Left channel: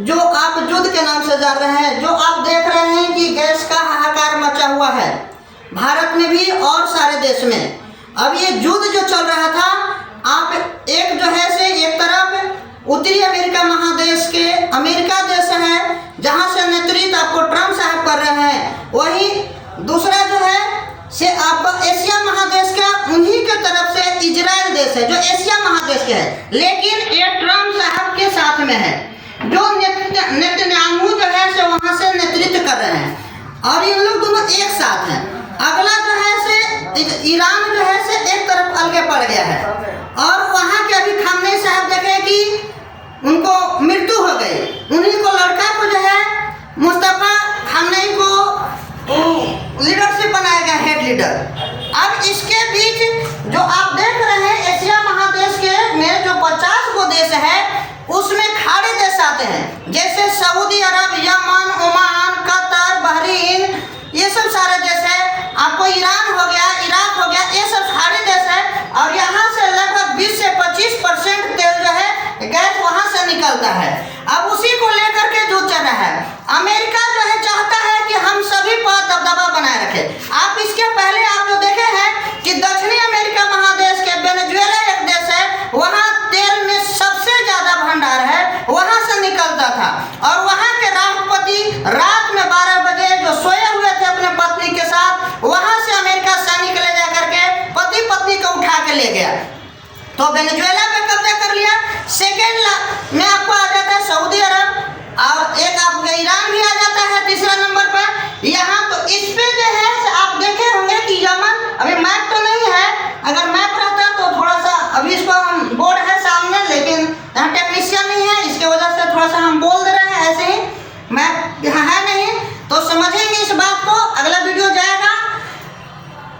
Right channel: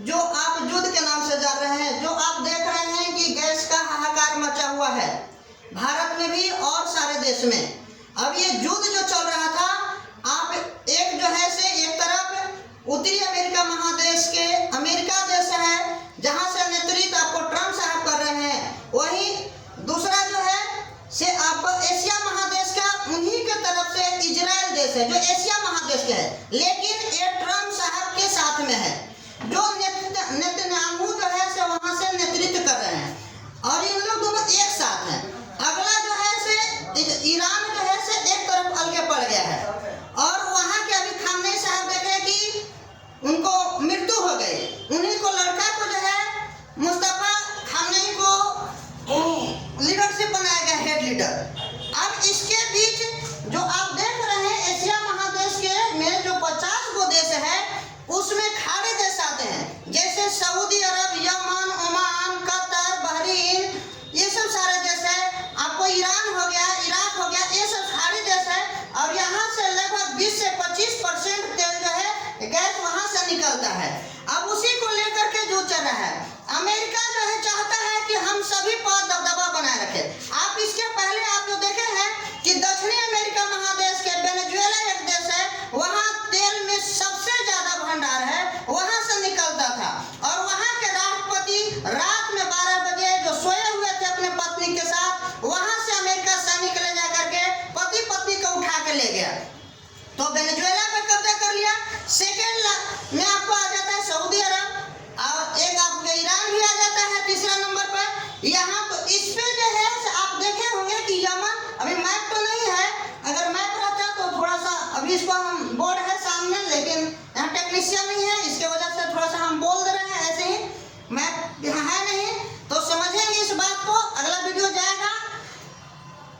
जो आप युद्ध के नाम से जान रहे हैं, जो आप देख रहे हैं कि गैस का हाहाकार मचा हुआ है भारत में भी और सारे देश में। अब ये युद्ध जो चल रहा था, आप एक जो है से एक तरफ उत्तरी अमेरिका महादेश के अमेरिका देश है जहां से नेतृत्व आपको ट्रम्प साहब कर रहे हैं, वहीं दूसरा जो है से आपका एशिया महादेश का उन्हीं के तरफ से इजराइल देश है जो एशिया महादेश के है, लेकिन ये ट्रम्प साहब के साथ में है जो नेतन्याहू जो है से वहां से नेतृत्व कर रहे हैं और ये लोग दोनों एक साथ हैं। अगला जो है से ईरान जो है से एक तरफ अलगे पड़ गया है और वहां के अभी खामनेई साहब देखे कि उनको मृत्यु हो गई, उन्हीं को लड़का को जो है मुस्तफा खामनेई को लीडरशिप बनाया गया, हेड लीडर। अब इसके बीच जो आप देख रहे हैं एशिया महादेश के में जो 50 गो देश है उसमें खाड़ी देश आते हैं, जैसे सऊदी अरब, यमन, ओमान, कतर, बहरीन, ये सब सारे देश है। आपको ईरान हो गया, इराक हो गया, ये सब खाड़ी देश है और यहाँ से लगभग 20 से 25% तेल जो है गैस वहाँ से निकलता है। अब उसी को लेकर के जो चल रहा है, अमेरिका जो है चाहता है कि हम सभी पर दबदबा बनाए रखें। आप इसके पहले आप जो देखे हैं कि दक्षिणी अमेरिका महादेश के वेनेजुएला एक देश है, वहाँ तेल में सबसे ज्यादा भंडार है, वहाँ से निकलता था और वहाँ के राष्ट्रपति रात में 12 बजे जो सोए हुए थे अपने पत्नी के साथ, वहाँ से अमेरिका सैनिक ले जा करके पति पत्नी को उठा के ले गया, तो वेनेजुएला पे कब्जा कर लिया। सेकेंड में आपको आ जाता है सऊदी अरब और एक आपका ईरान भी आ जाता है तीसरा नंबर पर। यहाँ तो इस पे जो है आप देखे होंगे कि यमन, अभी मैप तो नहीं है, अगर मैप रहता तो थोड़ा सा, अभी इसको हम बोर्ड है सामने लेकिन यहाँ टेक्नीशियन नहीं है, इसके वजह से थोड़ा सा हम बोल दे रहे हैं, ऐसे ही मैप यहाँ है नहीं तो समझेंगे इस बात को, अगला वीडियो जाएगा।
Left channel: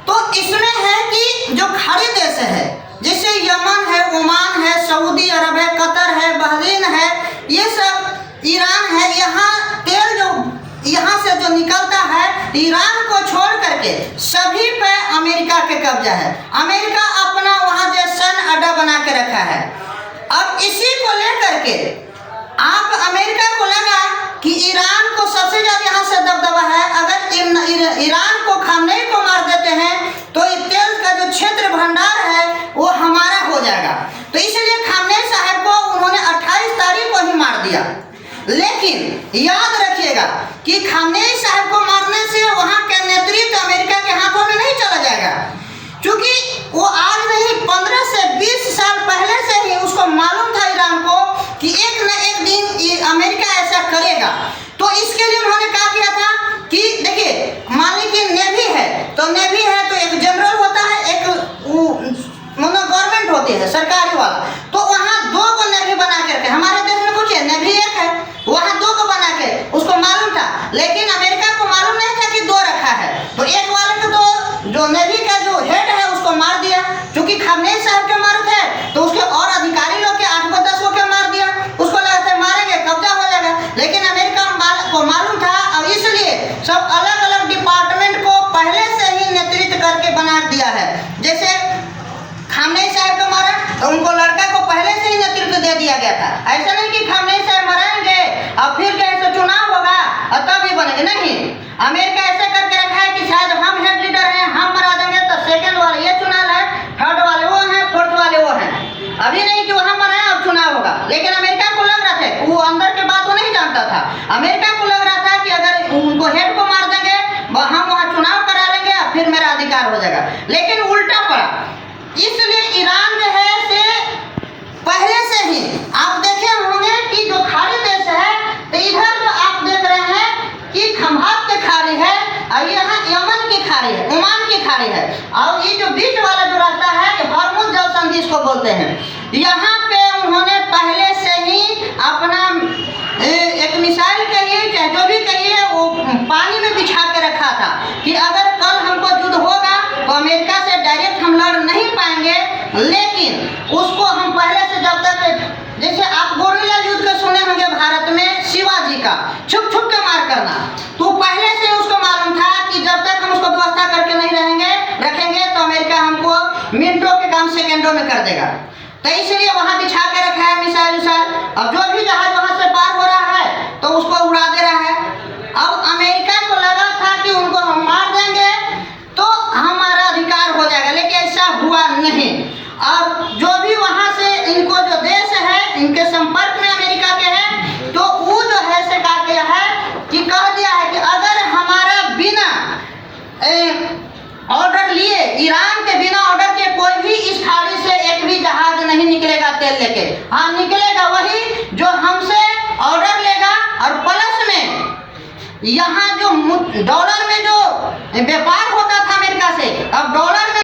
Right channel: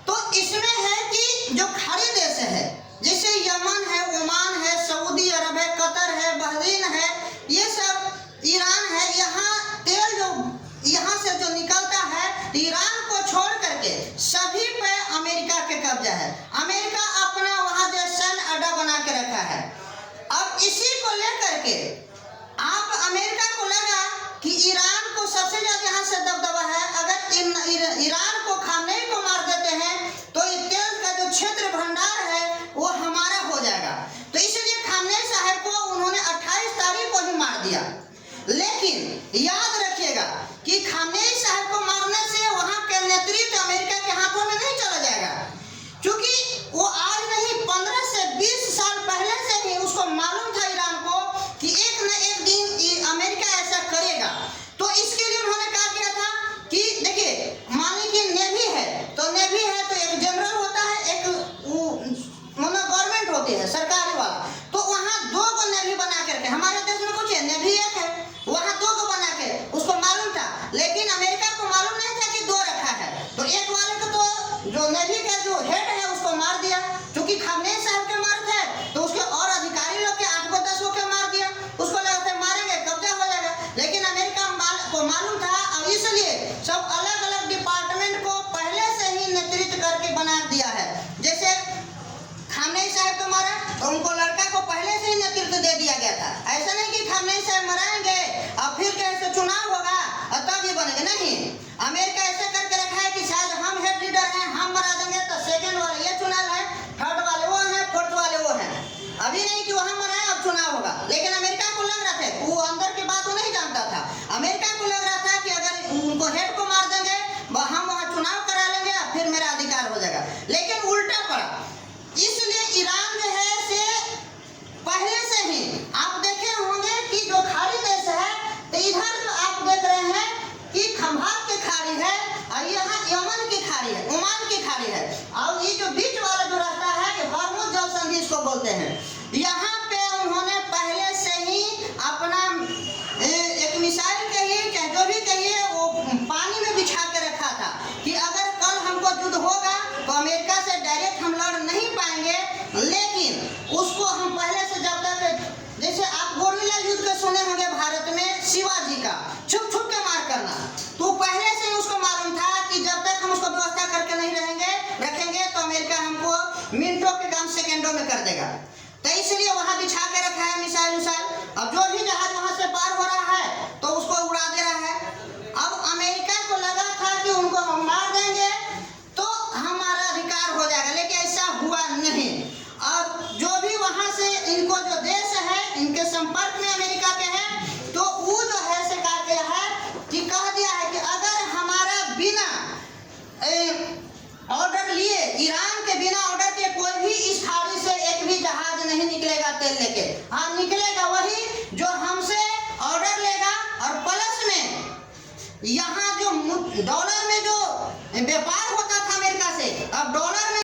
तो इसमें है कि जो खाड़ी देश है जैसे यमन है, ओमान है, सऊदी अरब है, कतर है, बहरीन है, ये सब ईरान है, यहाँ तेल जो यहाँ से जो निकलता है ईरान को छोड़ करके सभी पे अमेरिका के कब्जा है। अमेरिका अपना वहाँ जो सैन्य अड्डा बना के रखा है। अब इसी को लेकर के आप अमेरिका को लगा कि ईरान को सबसे ज्यादा यहाँ से दबदबा है, अगर ईरान को खामनेई को मार देते हैं तो तेल का जो क्षेत्र भंडार है वो हमारा हो जाएगा। तो इसलिए खामनेई साहब को उन्होंने 28 तारीख को ही मार दिया। लेकिन याद रखिएगा कि खामनेई साहब को मारने से वहाँ के नेतृत्व अमेरिका के हाथों में नहीं चला जाएगा, क्योंकि वो आज नहीं 15 से 20 साल पहले से ही उसको मालूम था ईरान को कि एक न एक दिन अमेरिका ऐसा करेगा। तो इसके लिए उन्होंने क्या किया था कि देखिए मान लीजिए नेवी है तो नेवी है तो एक जनरल होता है, एक गवर्नमेंट होती है सरकारी वाला, तो वहाँ 2 को नेवी बना के रखे। हमारे देश में कुछ है नेवी एक है, वहाँ 2 को बना के उसको मालूम था, लेकिन अमेरिका को मालूम नहीं था कि 2 रखा है, तो एक वाले को तो जो नेवी का जो हेड है उसको मार दिया, क्योंकि खामनेई साहब के मार थे तो उसके और अधिकारी लोग के 8-10 को क्या मार दिया, उसको लगा था मारेंगे कब्जा हो जाएगा, लेकिन अमेरिका को मालूम था और इसलिए सब अलग अलग डिपार्टमेंट को पहले से ही नेतृत्व करके बना दिया है। जैसे खामनेई साहब को मारा तो उनको लड़का को पहले से ही नेतृत्व दे दिया गया था, ऐसा नहीं कि खामनेई साहब मराएंगे और फिर कैसे चुनाव होगा और तब भी बनेंगे, नहीं। अमेरिका ऐसे करके रखा है कि शायद हम हेड लीडर हैं, हम मरा देंगे तो सेकंड वाले ये चुनाव है, थर्ड वाले वो हैं, फोर्थ वाले वो हैं। अभी नहीं कि वहाँ मराए अब चुनाव होगा, लेकिन अमेरिका को लग रहा था, वो अंदर के बात वो नहीं जानता था, अमेरिका को लग रहा था कि अगर उनको हेड को मार देंगे हम वहाँ चुनाव करा लेंगे और फिर मेरा अधिकार हो जाएगा, लेकिन उल्टा पड़ा। इसलिए ईरान जो है से पहले से ही आप देखे होंगे कि जो खाड़ी देश है तो इधर जो आप देख रहे हैं कि खंभात की खाड़ी है और यहाँ यमन की खाड़ी है, ओमान की खाड़ी है, और ये जो बीच वाला जो रास्ता है हॉर्मुज़ जल संधि इसको बोलते हैं। यहाँ पे उन्होंने पहले से ही अपना एक मिसाइल कहिए चाहे जो भी कहिए वो पानी में बिछा के रखा था कि अगर कल हमको युद्ध होगा तो अमेरिका से डायरेक्ट हम लड़ नहीं पाएंगे, लेकिन उसको हम पहले से जब तक, जैसे आप गोरिल्ला युद्ध के सुने होंगे भारत में शिवाजी का छुप छुप के मार करना, तो पहले से उसको मालूम था कि जब तक हम उसको व्यवस्था करके नहीं रखेंगे तो अमेरिका हमको मिनटों के काम सेकेंडों में कर देगा। तो इसलिए वहां बिछा के रखा है मिसाइल उसाइल। अब जो भी जहाज वहां से पार हो रहा है नहीं। अब जो भी वहाँ से इनको जो देश है इनके संपर्क में अमेरिका के हैं, तो वो जो है से कहा गया है कि कह दिया है कि अगर हमारा बिना ऑर्डर लिए, ईरान के बिना ऑर्डर के कोई भी इस खाड़ी से एक भी जहाज नहीं निकलेगा तेल लेके। हाँ, निकलेगा वही जो हमसे ऑर्डर लेगा, और प्लस में यहाँ जो डॉलर में जो व्यापार होता